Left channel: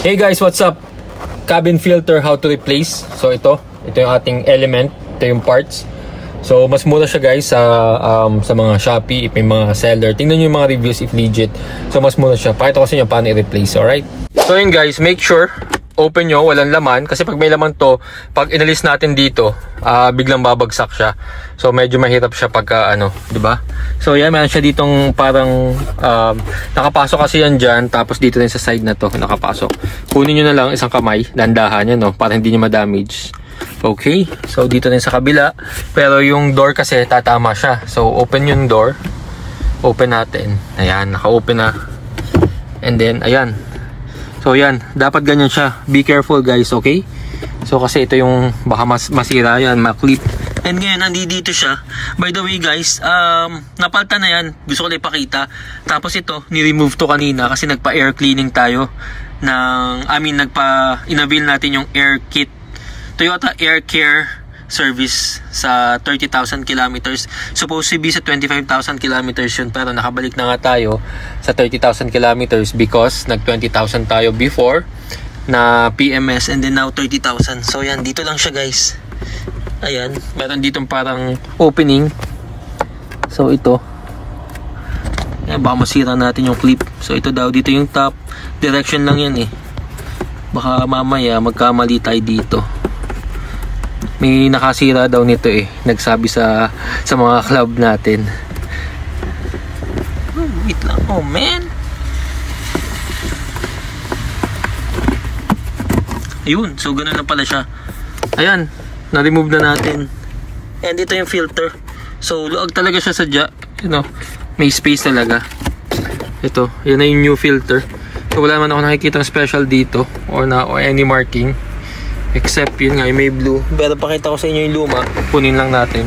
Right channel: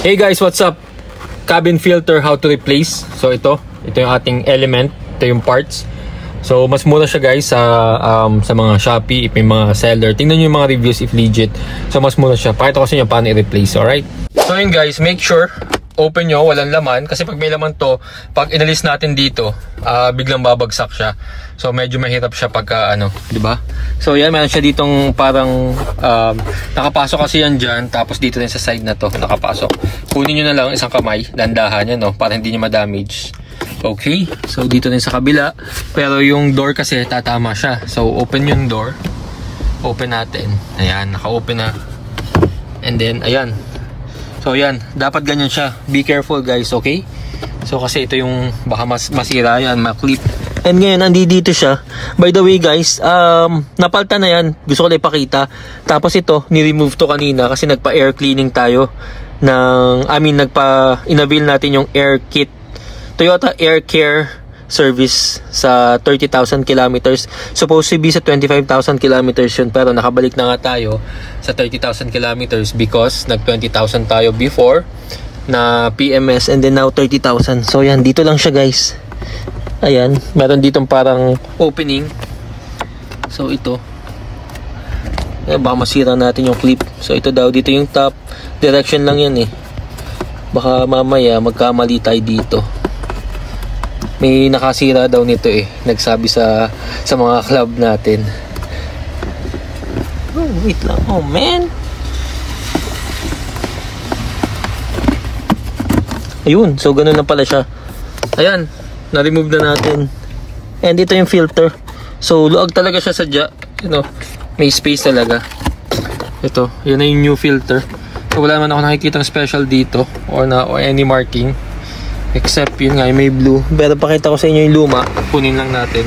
Hey guys, what's up? Cabin filter, how to replace. So ito yung ating element. Ito yung parts. So mas mura siya guys sa mga Shopee, if may mga seller. Tingnan nyo yung mga reviews if legit. So mas mura siya. Pakita ko sa inyo paano i-replace, alright? So yun guys, make sure open nyo, walang laman. Kasi pag may laman to, pag inalis natin dito, biglang babagsak siya. So medyo mahirap siya pagka diba? So yan, meron siya ditong parang nakapasok kasi yan dyan. Tapos dito rin sa side na to, nakapasok. Kunin nyo na lang isang kamay, dandahan yan, no? Para hindi nyo ma-damage. Okay, so dito rin sa kabila. Pero yung door kasi tatama siya. So open yung door. Open natin. Ayan, naka-open na. And then, ayan. So yan, dapat ganyan siya. Be careful guys, okay? So kasi ito yung baka masira yan, maklip. And ngayon, nandito siya. By the way guys, napalta na yan. Gusto ko na ipakita. Tapos ito, ni-remove to kanina kasi nagpa-air cleaning tayo. Inavail natin yung air kit. Toyota Air Care service sa 30,000 kilometers. Supposed to be sa 25,000 kilometers yun. Pero nakabalik na nga tayo sa 30,000 kilometers because nag 20,000 tayo before na PMS and then now 30,000. So yan, dito lang siya guys. Ayan, meron ditong parang opening. So ito. Baka masira natin yung clip. So ito daw, dito yung top. Direction lang yan eh. Baka mamaya magkamali tayo dito. May nakasira daw nito eh. Nagsabi sa mga club natin. Oh, wait lang. Oh, man. Ayun. So, ganun na pala siya. Ayan. Na-remove na natin. And dito yung filter. So, luag talaga siya sadya. May space talaga. Ito. Yan na yung new filter. So, wala naman ako nakikita special dito. Or any marking. Except yun nga, may blue. Pero pakita ko sa inyo yung luma. Punin lang natin.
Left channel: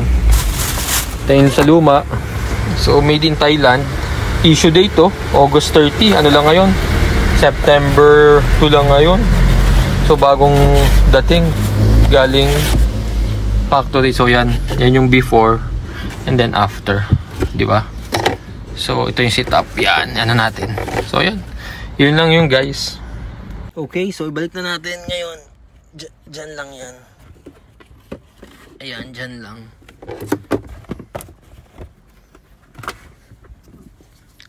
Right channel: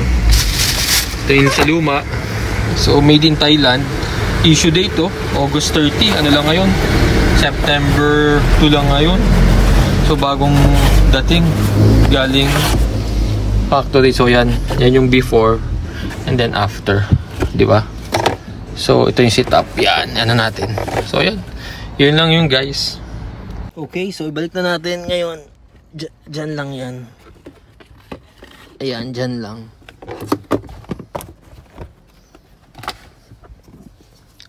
Ito yun sa luma. So, made in Thailand. Issue date to, August 30. Ano lang ngayon? September 2 lang ngayon. So, bagong dating. Galing factory. So, yan. Yan yung before. And then after. Diba? So, ito yung setup. Yan. Ano natin. So, yan. Yun lang yung guys. Okay, so ibalik na natin ngayon. Diyan lang yan. Ayan, dyan lang.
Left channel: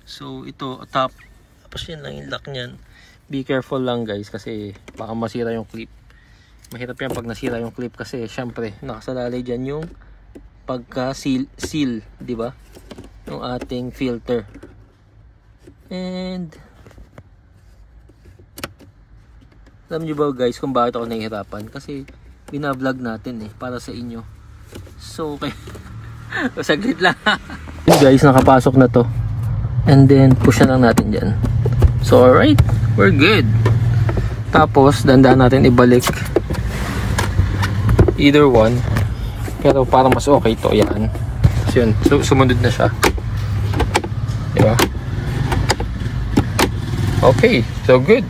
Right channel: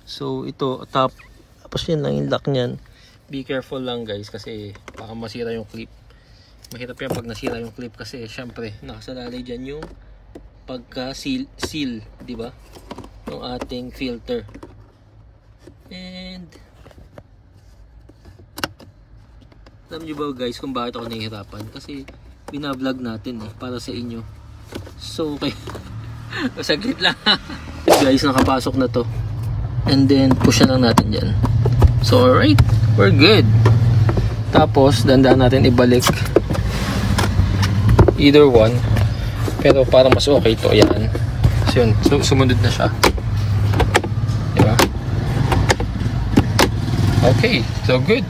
So, ito, top. Tapos yun lang yung lock nyan. Be careful lang guys kasi baka masira yung clip. Mahirap yan pag nasira yung clip kasi syempre, nakasalalay dyan yung pagka-seal, diba? Yung ating filter. And alam nyo ba guys kung bakit ako nahihirapan? Kasi binablog natin eh, para sa inyo. So, okay. Saglit lang. Guys, nakapasok na to. And then, push na lang natin dyan. So, alright. We're good. Tapos, dandaan natin ibalik. Either one. Pero parang mas okay to. Ayan. So, yun. Sumunod na siya. Diba? Okay. So, good.